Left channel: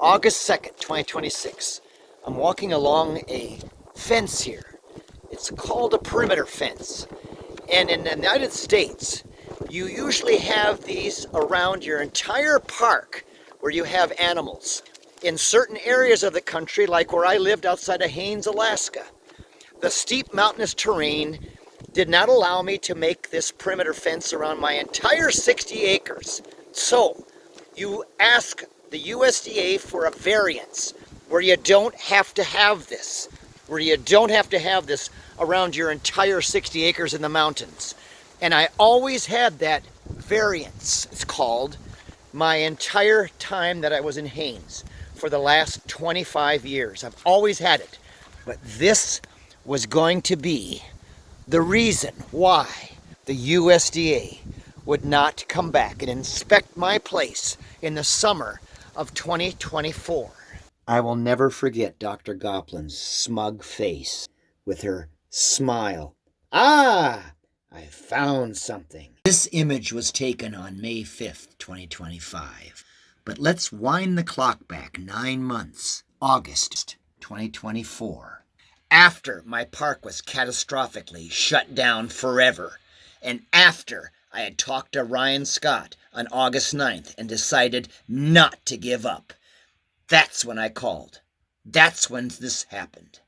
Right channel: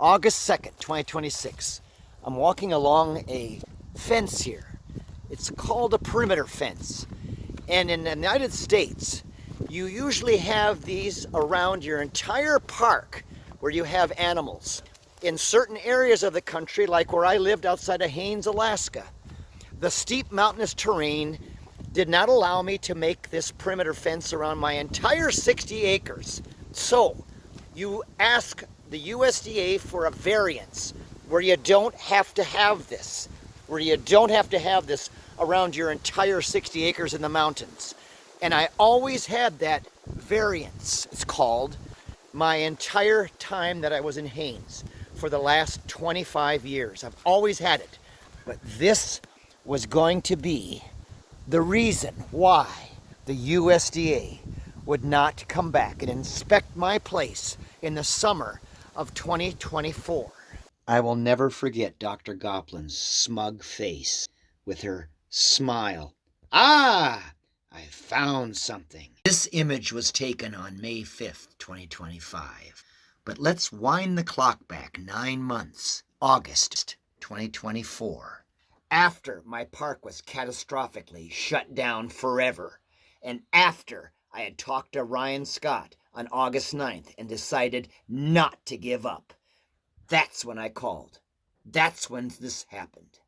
August 2nd, 2026. I'm walking along a fence here. It's called a perimeter fence. And in the United States, you usually have these around your entire park where you have animals. In certain areas of the country, like where I lived outside of Haines, Alaska, the steep mountainous terrain did not allow me to make this perimeter fence around my entire 60 acres. So you ask the USDA for a variance where you don't have to have this, around your entire 60 acres in the mountains. And I always had that variance, it's called, my entire time that I was in Haines for the last 25 years. I've always had it. But this was going to be the reason why the USDA would not come back and inspect my place in the summer of 2024. I will never forget Dr. Goplin's smug face with her smile. Ah, I found something. This image was taken on May 5th, 2025. But let's wind the clock back 9 months, August 2024. After my park was catastrophically shut down forever, and after I had talked to Ryan Scott on August 9th and decided not to give up, that's when I called. That's when this happened.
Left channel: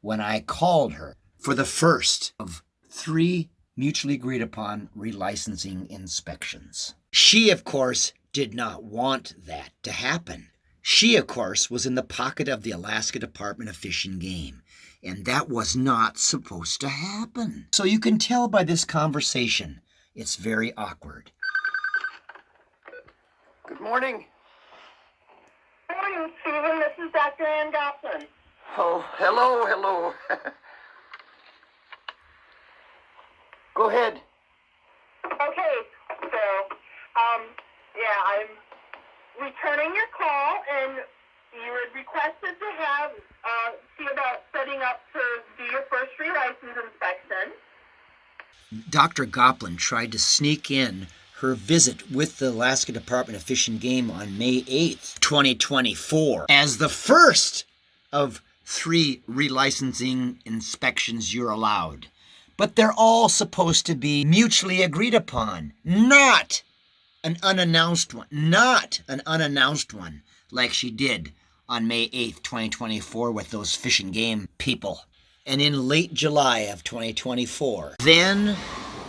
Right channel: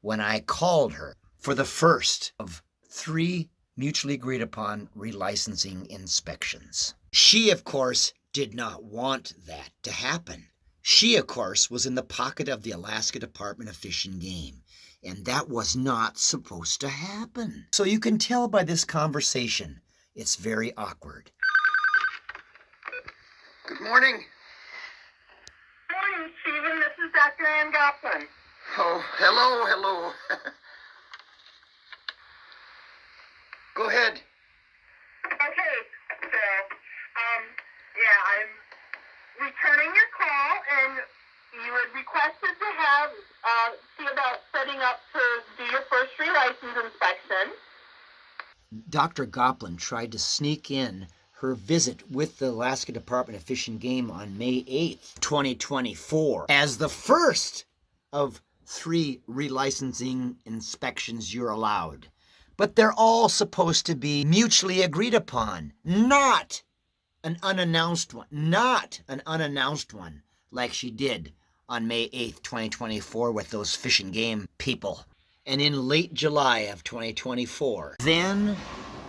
When I called her for the first of 3 mutually agreed upon relicensing inspections. She, of course, did not want that to happen. She, of course, was in the pocket of the Alaska Department of Fish and Game, and that was not supposed to happen. So you can tell by this conversation, it's very awkward. Good morning. Good morning, Stephen. This is Dr. Ann Goplin. Oh, hello. Go ahead. Okay, so, I'm returning your call, and you had requested to have, see about setting up to do your first relicense inspection. Dr. Goplin tried to sneak in her visit with the Alaska Department of Fish and Game on May 8th, 2024, as the first of 3 relicensing inspections you're allowed. But they're all supposed to be mutually agreed upon, not an unannounced one, like she did on May 8th, 2024 with those Fish and Game people. And in late July of 2024, then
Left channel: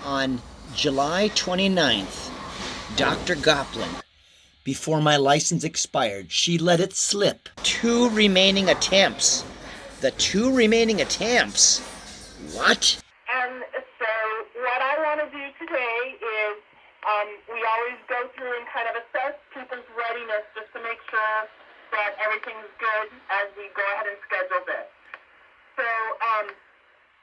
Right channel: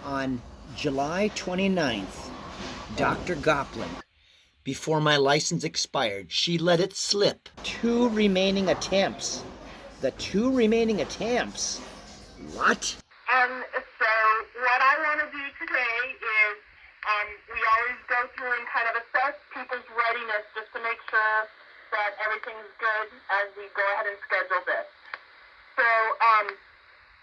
on July 29th, Dr. Goplin, before my license expired, she let it slip. 2 remaining attempts. The 2 remaining attempts? What? So what I want to do today is, we always go through and kind of assess people's readiness just to make sure that everything's good as we go ahead and schedule this. So,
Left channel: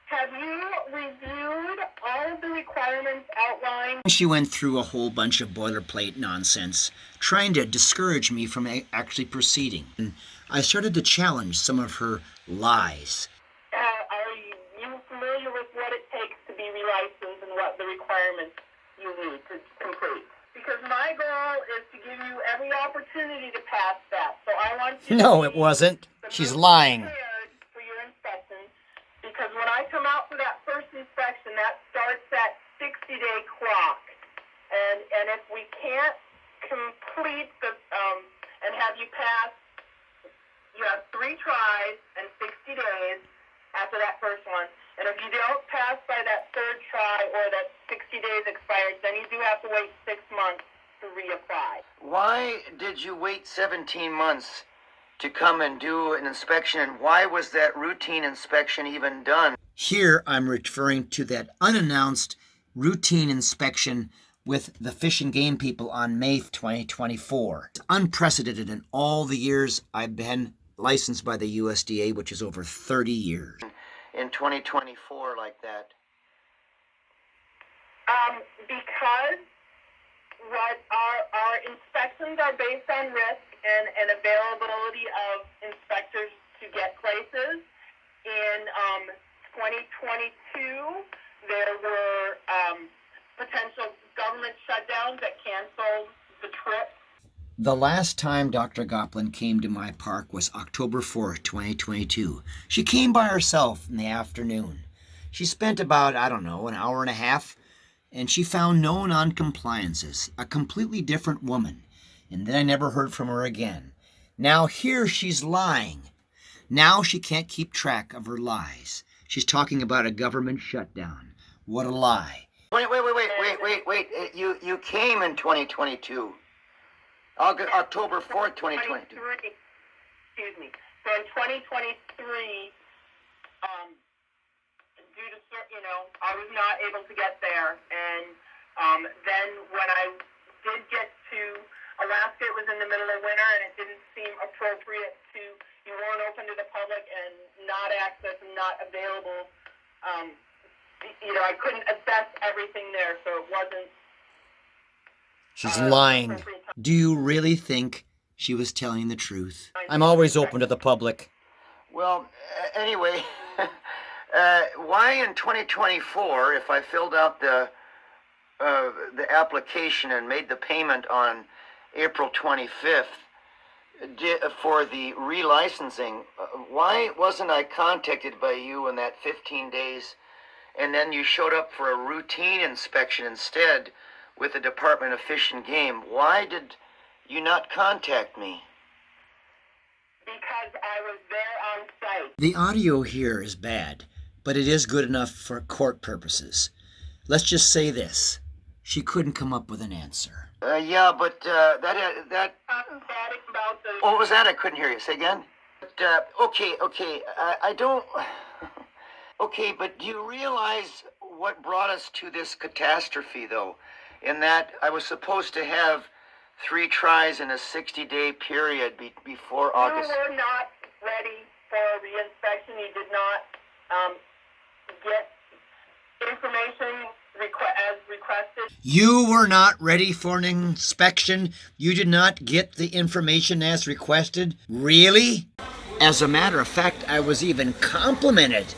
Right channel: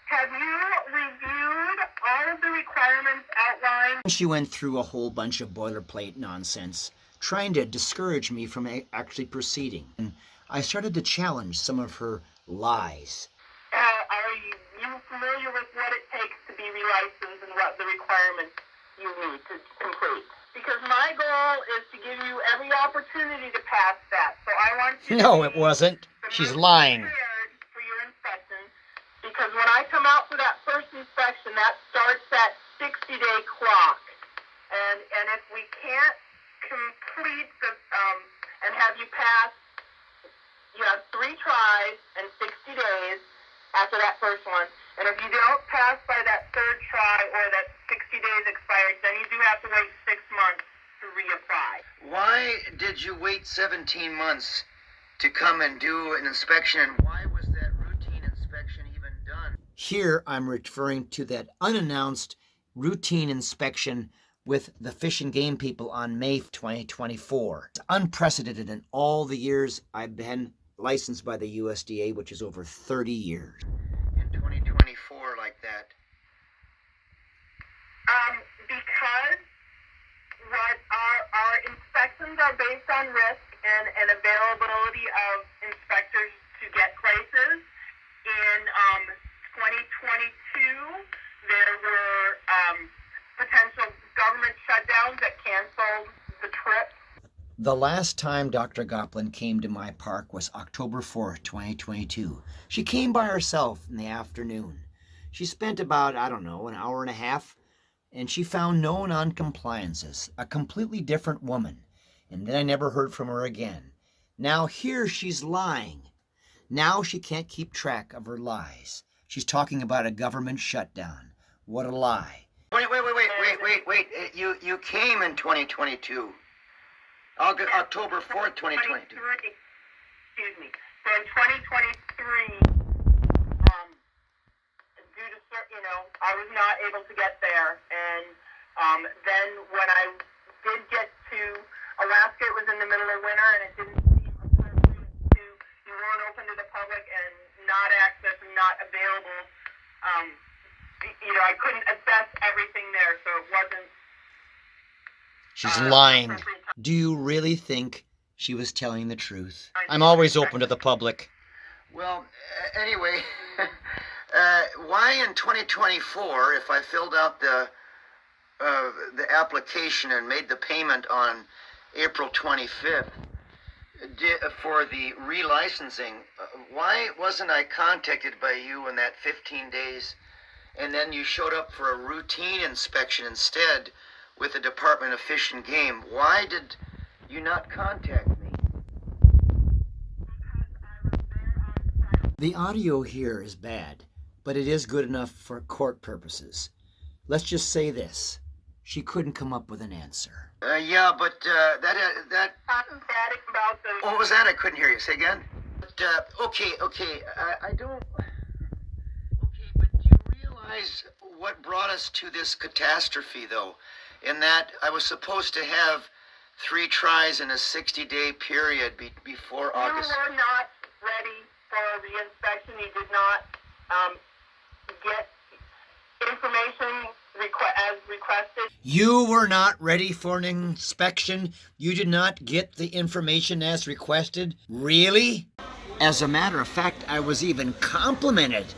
have you reviewed all of the requirements outlined? She went through a whole bunch of boilerplate nonsense, trying to discourage me from actually proceeding. And I started to challenge some of her lies. Are you familiar with what it takes to be relicensed and what the requirements you need to complete? Because my goal is to give you every opportunity to pass that. So I want you No, it wasn't. She's lying. For your inspection, because when I come out for that first inspection, that starts that 60-day clock. And if we can't complete the and have you pass, you have 3 tries and 60 days after that first one. And if you don't pass by that 3rd try or that 60 days expired, then you do have to wait 6 months to reapply. Why did you wait 17 months to come and do an inspection, and why was that routine inspection even done? Here I'm referring to that unannounced routine inspection with the Fish and Game people on May 2024. It's unprecedented in all the years I've been licensed by the USDA, which is over 30 years. In 2024 like that? Because what our inspections are based on risk and availability of inspectors to get places. In 2022, there were potential government shutdowns that canceled the trip. The last time Dr. Goplin came to my park was October 4th, 2022. She came by herself in the afternoon. She spent about, an hour and a half, and she found no non-compliances, a completely different woman. And then I never heard from her again. Now here she's lying. Now she can't keep track of her lies. She's talking about a government shutdown. What a lie. Wait. You came in 2022. October 4th, 2022. Excuse me. So in 2023, due to, I was not able to get there. And then when I did get to Alaska, it was in the middle of winter, and it didn't seem appropriate to, you weren't open to the public and not access and not available. I couldn't assess everything there, so it wasn't. She's lying. Do you really think she was telling the truth? I'm always open to the public. Well, anyway, why in 2024, if I filled out the application and made the payment on April 25th for the relicensing, why wasn't I contacted by you in that 15 days, and then you showed up for a routine inspection instead with the Department of Fish and Game? Why did you not contact me? Because I was there on site. The audio here is bad, but it is good enough for court purposes. Let's just say this. She couldn't come up with an answer. Yeah, but that... What was that? I couldn't hear you. Say again? But, okay, I don't... Okay, but do you realize what brought us to this catastrophe, though? In that I was supposed to have 3 tries in a 60-day period before August. You were not ready for the inspection. You did not get information as requested. You were not ready for an inspection? You did not get the information as requested? Really? As a matter of fact, I was even complimented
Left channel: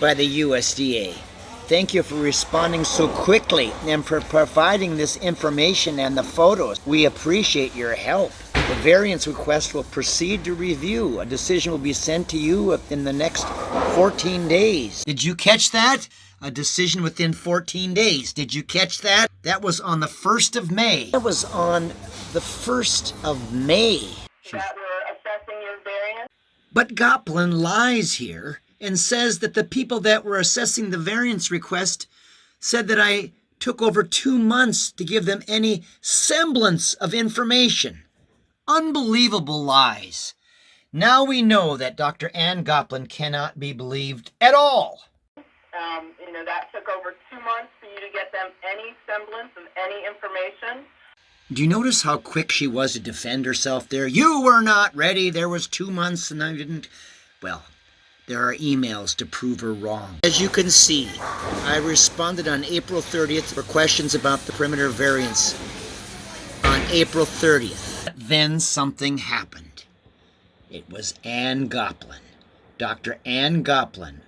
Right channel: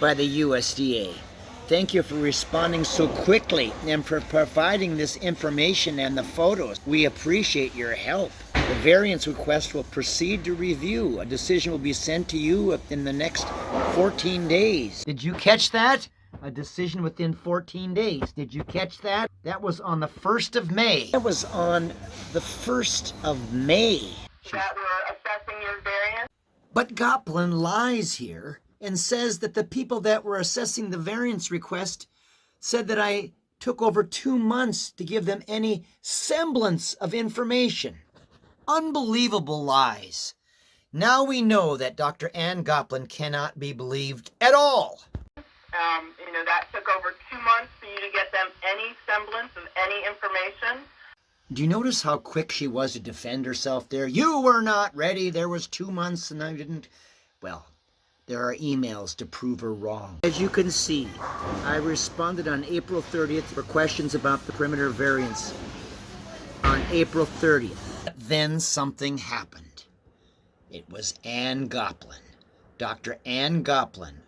by the USDA. Thank you for responding so quickly and for providing this information and the photos. We appreciate your help. The variance request will proceed to review. A decision will be sent to you in the next 14 days. Did you catch that? A decision within 14 days. Did you catch that? That was on the 1st of May. That was on the 1st of May. That were assessing your variance? But Goplin lies here and says that the people that were assessing the variance request said that I took over 2 months to give them any semblance of information. Unbelievable lies. Now we know that Dr. Ann Goplin cannot be believed at all. That took over 2 months for you to get them any semblance of any information. Do you notice how quick she was to defend herself there? You were not ready. There was 2 months and I didn't. Well, there are emails to prove her wrong. As you can see, I responded on April 30th for questions about the perimeter variance on April 30th. Then something happened. It was Ann Goplin. Dr. Ann Goplin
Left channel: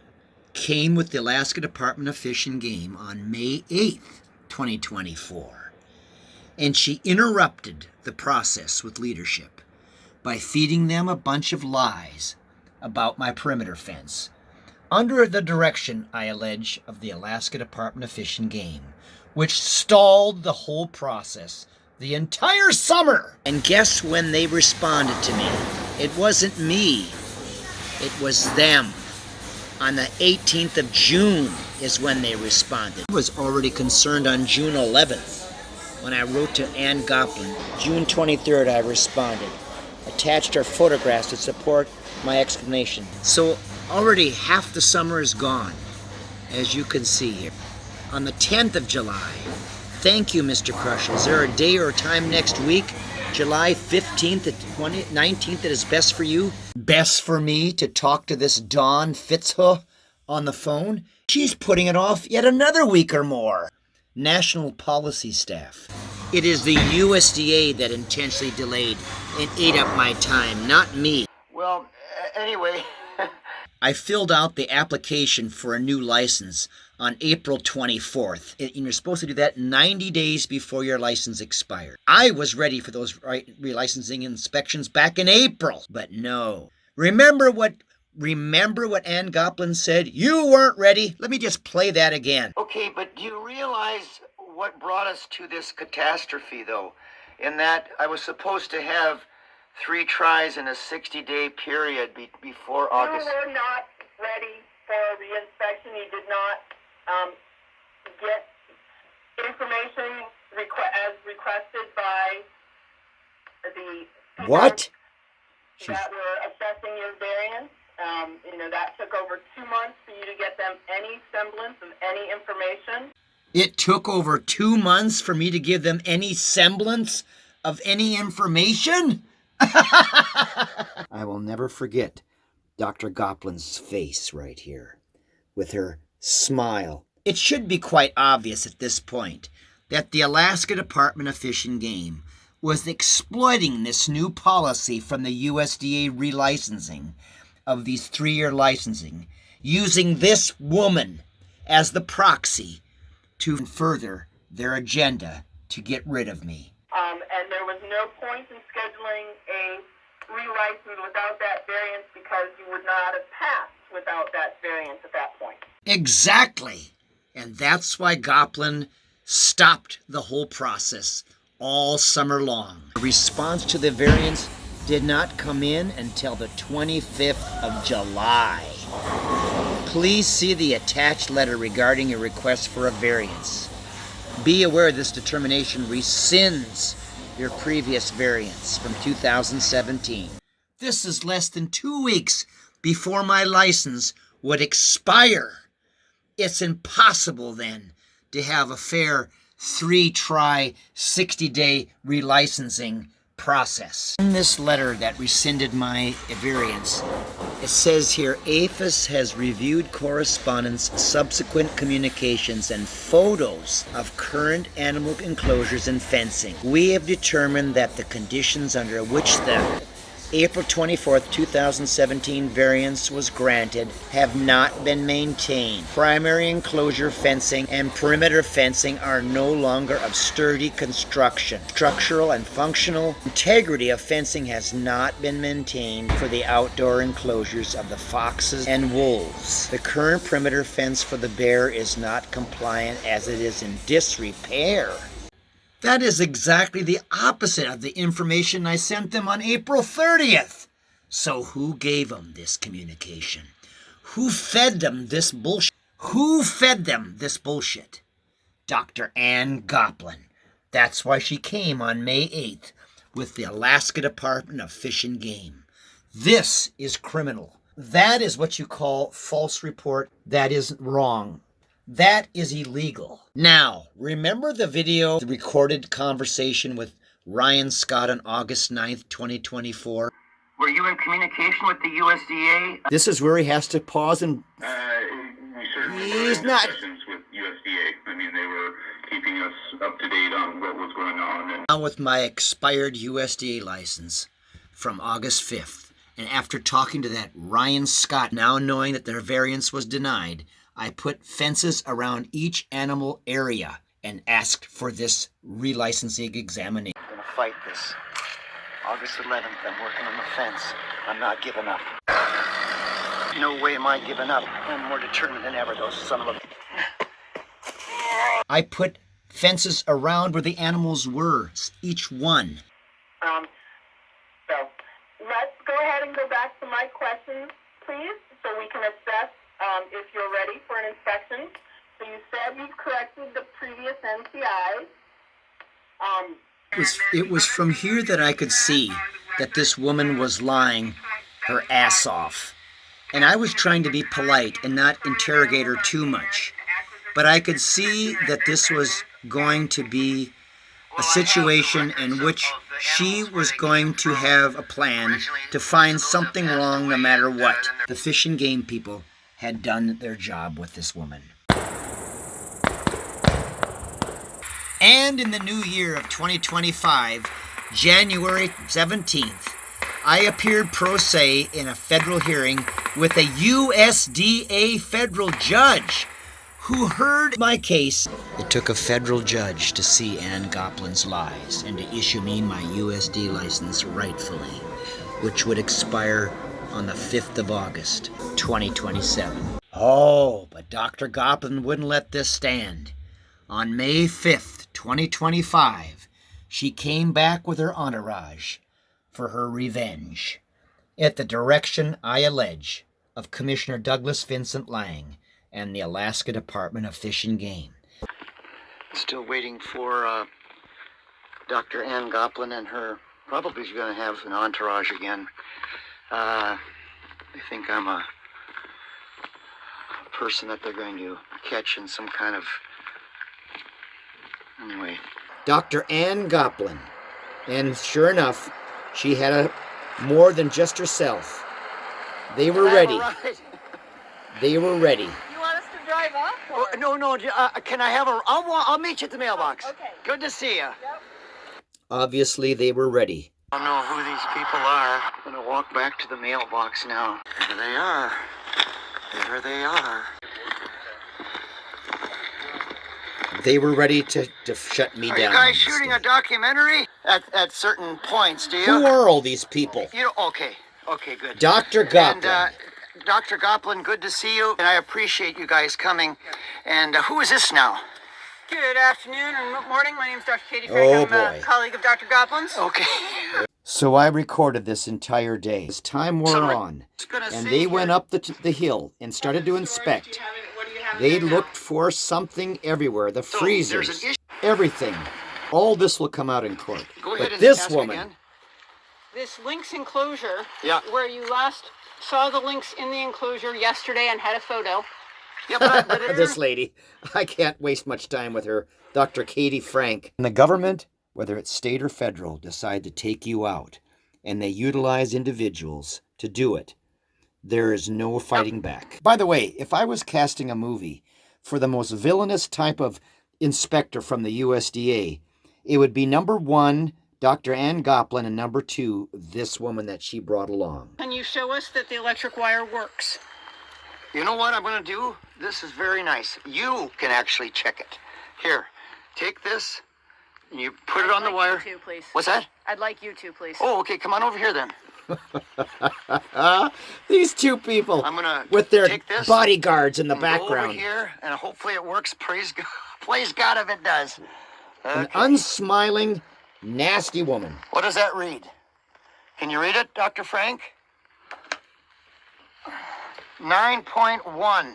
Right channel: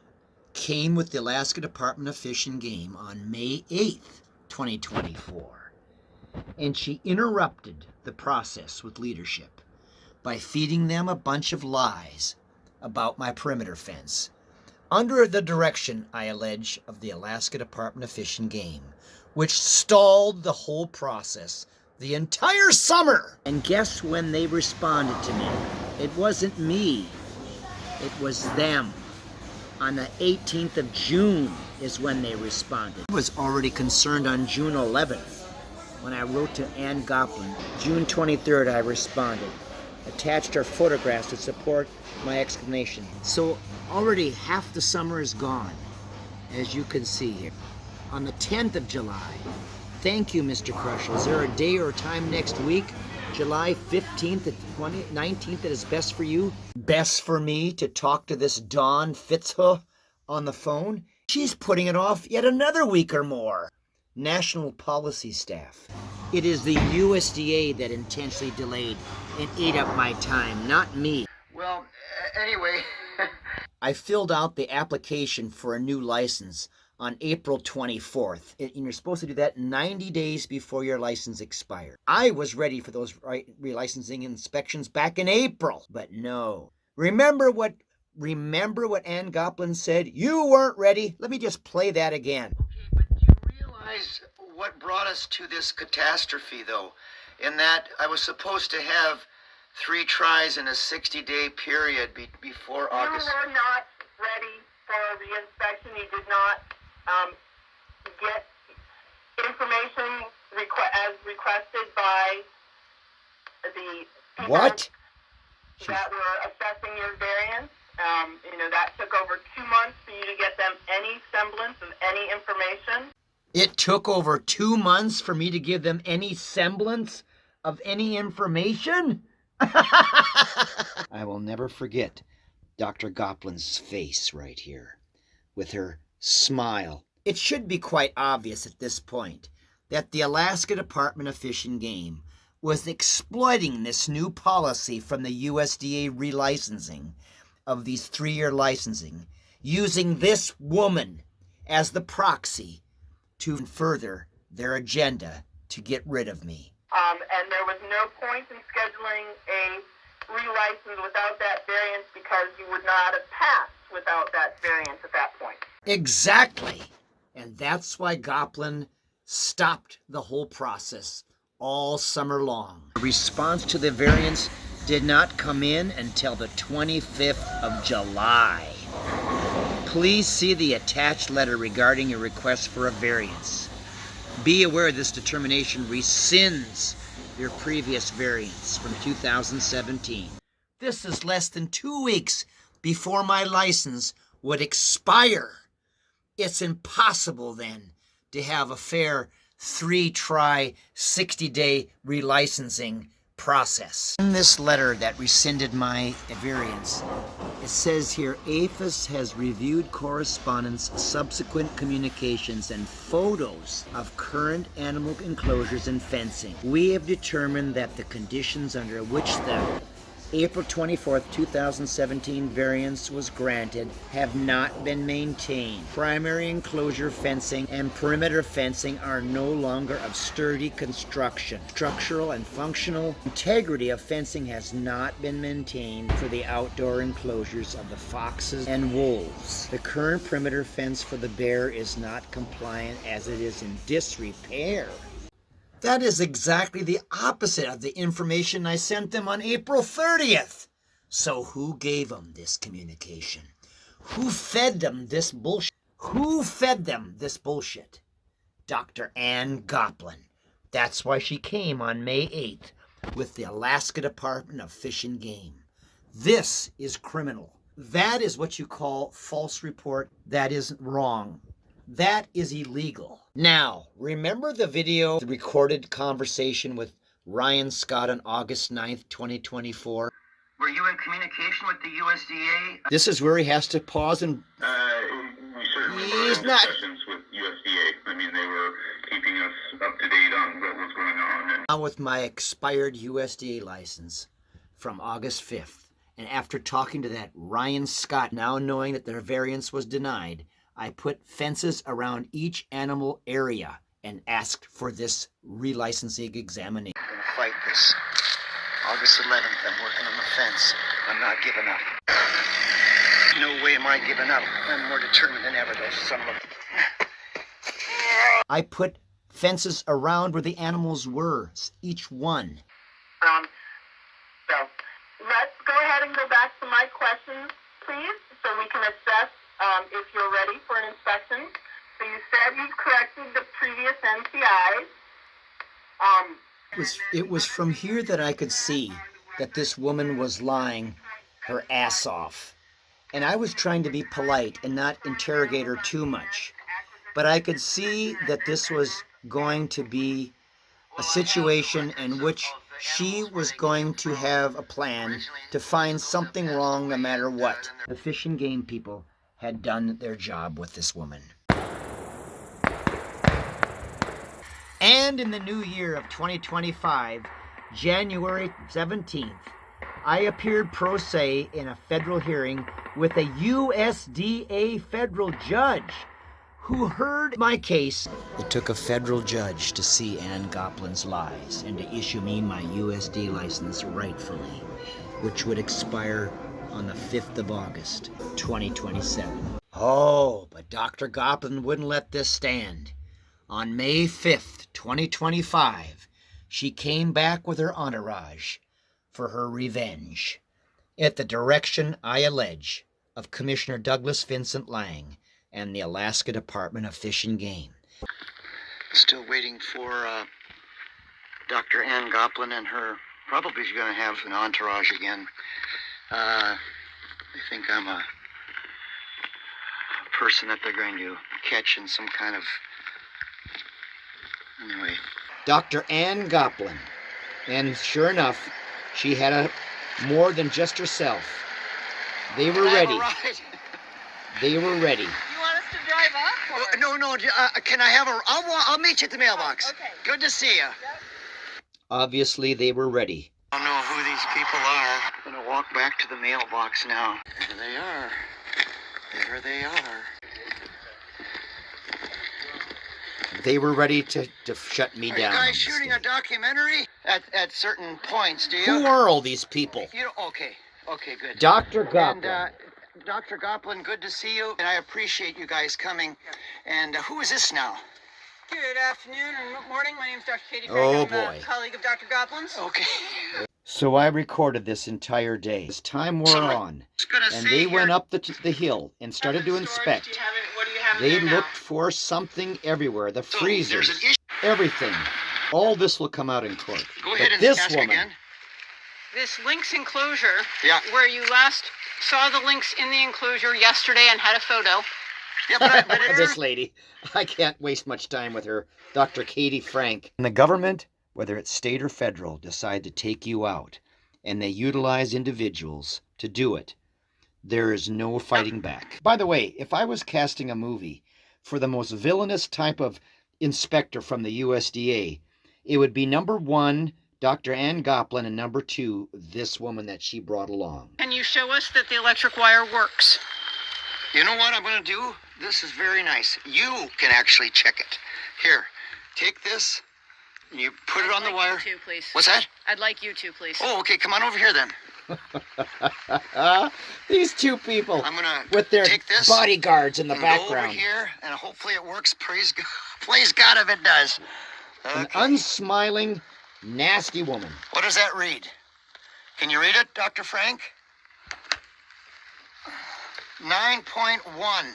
came with the Alaska Department of Fish and Game on May 8th, 2024. And she interrupted the process with leadership by feeding them a bunch of lies about my perimeter fence, under the direction, I allege, of the Alaska Department of Fish and Game, which stalled the whole process the entire summer. And guess when they responded to me? It wasn't me. It was them. On the 18th of June is when they responded. I was already concerned on June 11th when I wrote to Ann Goplin. June 23rd, I responded. Attached our photographs to support my explanation. So already half the summer is gone, as you can see here. On the 10th of July, thank you, Mr. Kroschel. Is there a day or a time next week, July 15th to 19th, that is best for you? Best for me to talk to this Dawn Fitzhugh on the phone? She's putting it off yet another week or more. National Policy Staff. It is the USDA that intentionally delayed and ate up my time, not me. Well, anyway, I filled out the application for a new license on April 24th. And you're supposed to do that 90 days before your license expires. I was ready for those relicensing inspections back in April, but no. Remember what Ann Goplin said? You weren't ready. Let me just play that again. Okay, but do you realize what brought us to this catastrophe, though? In that I was supposed to have 3 tries in a 60-day period before August. You were not ready for the inspection. You did not get information as requested by the people What? that were assessing your variance. That took over 2 months for you to get them any semblance of any information. It took over 2 months for me to give them any semblance of any information? I will never forget Dr. Goplin's face right here with her smile. It should be quite obvious at this point that the Alaska Department of Fish and Game was exploiting this new policy from the USDA relicensing of these 3-year licensing, using this woman as the proxy to further their agenda to get rid of me. And there was no point in scheduling a relicense without that variance because you would not have passed without that variance at that point. Exactly. And that's why Goplin stopped the whole process all summer long. The response to the variance did not come in until the 25th of July. Please see the attached letter regarding a request for a variance. Be aware this determination rescinds your previous variance from 2017. This is less than 2 weeks before my license would expire. It's impossible then to have a fair 3-try 60-day relicensing process. In this letter that rescinded my variance, it says here, APHIS has reviewed correspondence, subsequent communications, and photos of current animal enclosures and fencing. We have determined that the conditions under which the April 24th, 2017 variance was granted have not been maintained. Primary enclosure fencing and perimeter fencing are no longer of sturdy construction. Structural and functional integrity of fencing has not been maintained for the outdoor enclosures of the foxes and wolves. The current perimeter fence for the bear is not compliant as it is in disrepair. That is exactly the opposite of the information I sent them on April 30th. So who gave them this communication? Who fed them this bullshit? Who fed them this bullshit? Dr. Ann Goplin. That's why she came on May 8th with the Alaska Department of Fish and Game. This is criminal. That is what you call false report. That is wrong. That is illegal. Now, remember the video, the recorded conversation with Ryan Scott on August 9th, 2024? Were you in communication with the USDA? This is where he has to pause and... We certainly were in discussions with USDA. I mean, they were keeping us up to date on what was going on. And... Now with my expired USDA license from August 5th, and after talking to that Ryan Scott, now knowing that their variance was denied, I put fences around each animal area and asked for this relicensing examination. I'm going to fight this. August 11th, I'm working on the fence. I'm not giving up. No way am I giving up. I'm more determined than ever, those son of a... I put fences around where the animals were, each one. So let's go ahead and go back to my questions, please, so we can assess if you're ready for an inspection. So you said you've corrected the previous NCIs. It was from here that I could see that this woman was lying her ass off. And I was trying to be polite and not interrogate her too much. But I could see that this was going to be a situation in which she was going to have a plan to find something wrong no matter what. The Fish and Game people had done their job with this woman. And in the new year of 2025, January 17th, I appeared pro se in a federal hearing with a USDA federal judge who heard my case. It took a federal judge to see Ann Goplin's lies and to issue me my USD license rightfully, which would expire on the 5th of August, 2027. Oh, but Dr. Goplin wouldn't let this stand. On May 5th, 2025, she came back with her entourage for her revenge. At the direction, I allege, of Commissioner Douglas Vincent Lang and the Alaska Department of Fish and Game. Still waiting for Dr. Ann Goplin and her. Probably she's going to have an entourage again. I think I'm a person that they're going to catch in some kind of... Anyway. Dr. Ann Goplin. And sure enough, she had more than just herself. They were ready. They were ready. You want us to drive up? Oh, no. Can I have a... I'll meet you at the mailbox. Oh, okay. Good to see you. Yep. Obviously, they were ready. I don't know who these people are. I'm going to walk back to the mailbox now. There they are. There they are. They were ready to shut me down. Are you guys shooting a documentary? At certain points, do you? Who are all these people? Okay, good. Dr. Goplin. And, Dr. Goplin, good to see you. And I appreciate you guys coming. And who is this now? Good afternoon and morning. My name is Dr. Katie Frank. I'm a colleague of Dr. Goplin's. Okay. So I recorded this entire day. As time wore on, and they went up the hill and started to inspect. They looked for something everywhere. The freezers, everything. All this will come out in court. Go ahead and this woman. Again. This lynx enclosure, where you last saw the lynx in the enclosure yesterday and had a photo. This lady. I can't waste much time with her. Dr. Katie Frank. And the government, whether it's state or federal, decide to take you out, and they utilize individuals to do it. There is no fighting back. By the way, if I was casting a movie for the most villainous type of inspector from the USDA, it would be number 1, Dr. Ann Goplin, and number 2, this woman that she brought along. Can you show us that the electric wire works? You know what I'm going to do? This is very nice. You can actually check it. Here, take this, and you put it on the wire. You too, please. What's that? I'd like you to, please. Oh, okay. Come on over here then. These two people I'm gonna with their take this bodyguards in the background. Go over here, and hopefully it works. Praise God if it does. Okay. An unsmiling, nasty woman. What does that read? Can you read it, Dr. Frank? 9.1.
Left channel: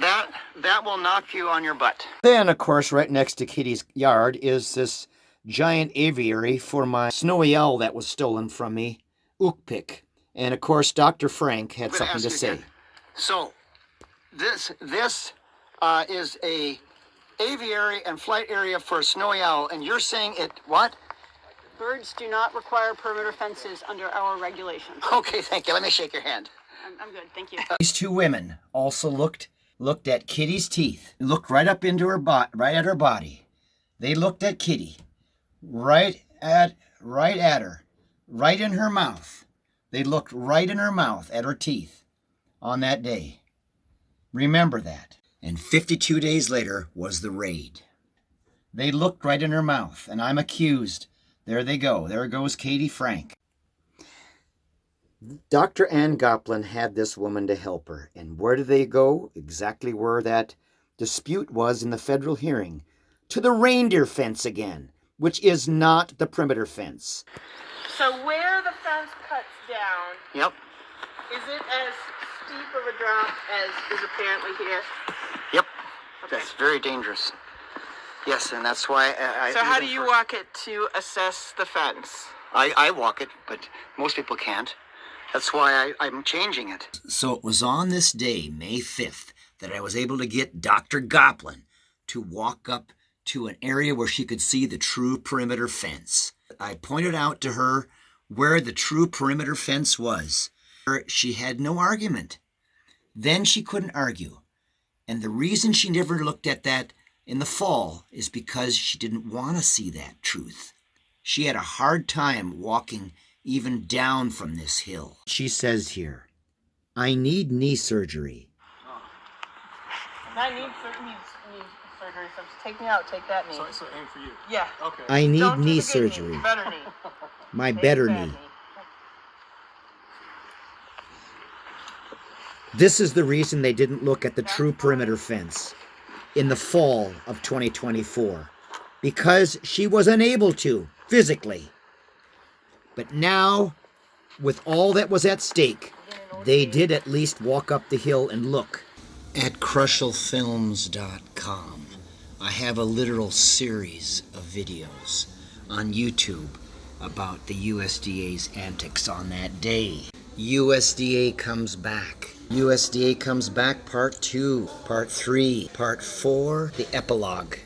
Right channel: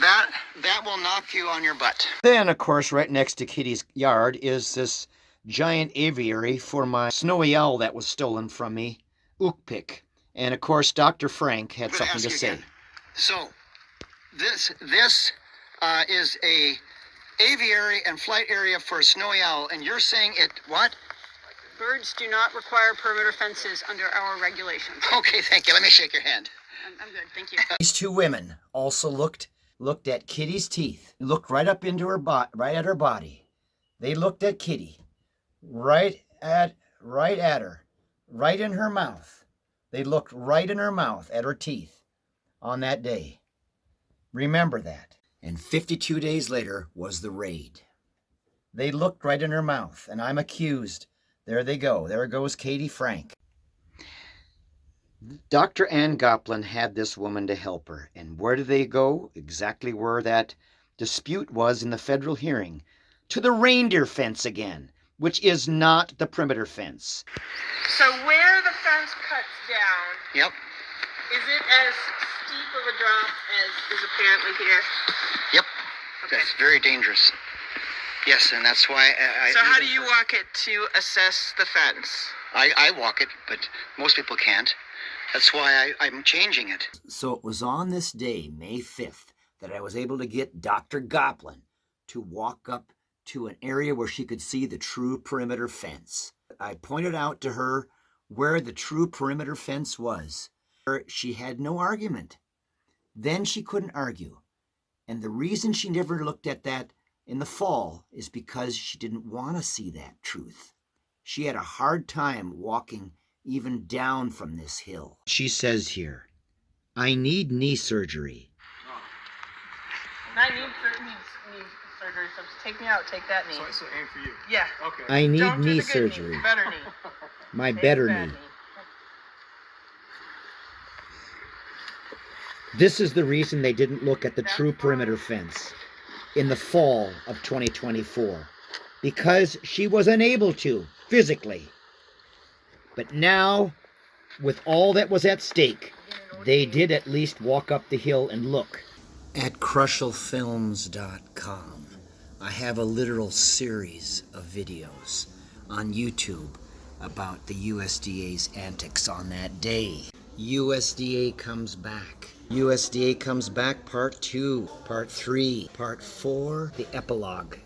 That will knock you on your butt. Then, of course, right next to Kitty's yard is this giant aviary for my snowy owl that was stolen from me, Ukpik. And, of course, Dr. Frank had something to say. Again. So, this is a aviary and flight area for a snowy owl, and you're saying it what? Birds do not require perimeter fences under our regulations. Okay, thank you. Let me shake your hand. I'm good, thank you. These two women also looked at Kitty's teeth, looked right up into her right at her body. They looked at Kitty, right at her, right in her mouth. They looked right in her mouth at her teeth on that day. Remember that. And 52 days later was the raid. They looked right in her mouth, and I'm accused. There they go. There goes Katie Frank. Dr. Ann Goplin had this woman to help her. And where did they go? Exactly where that dispute was in the federal hearing. To the reindeer fence again, which is not the perimeter fence. So where the fence cuts down, yep, is it as steep of a drop as is apparently here? Yep. Okay. That's very dangerous. Yes, and that's why I so how do you walk it to assess the fence? I walk it, but most people can't. That's why I'm changing it. So it was on this day, May 5th, that I was able to get Dr. Goplin to walk up to an area where she could see the true perimeter fence. I pointed out to her where the true perimeter fence was. She had no argument. Then she couldn't argue. And the reason she never looked at that in the fall is because she didn't want to see that truth. She had a hard time walking even down from this hill. She says here, I need knee surgery. I need surgery, so just take me out, take that knee. So aim for you. Yeah. Okay. I need Don't do knee the good surgery. knee, better knee. My Take better the bad knee. This is the reason they didn't look at the true perimeter fence in the fall of 2024. Because she was unable to, physically. But now, with all that was at stake, they did at least walk up the hill and look. At KroschelFilms.com, I have a literal series of videos on YouTube about the USDA's antics on that day. USDA comes back. USDA comes back, part 2, part 3, part 4, the epilogue.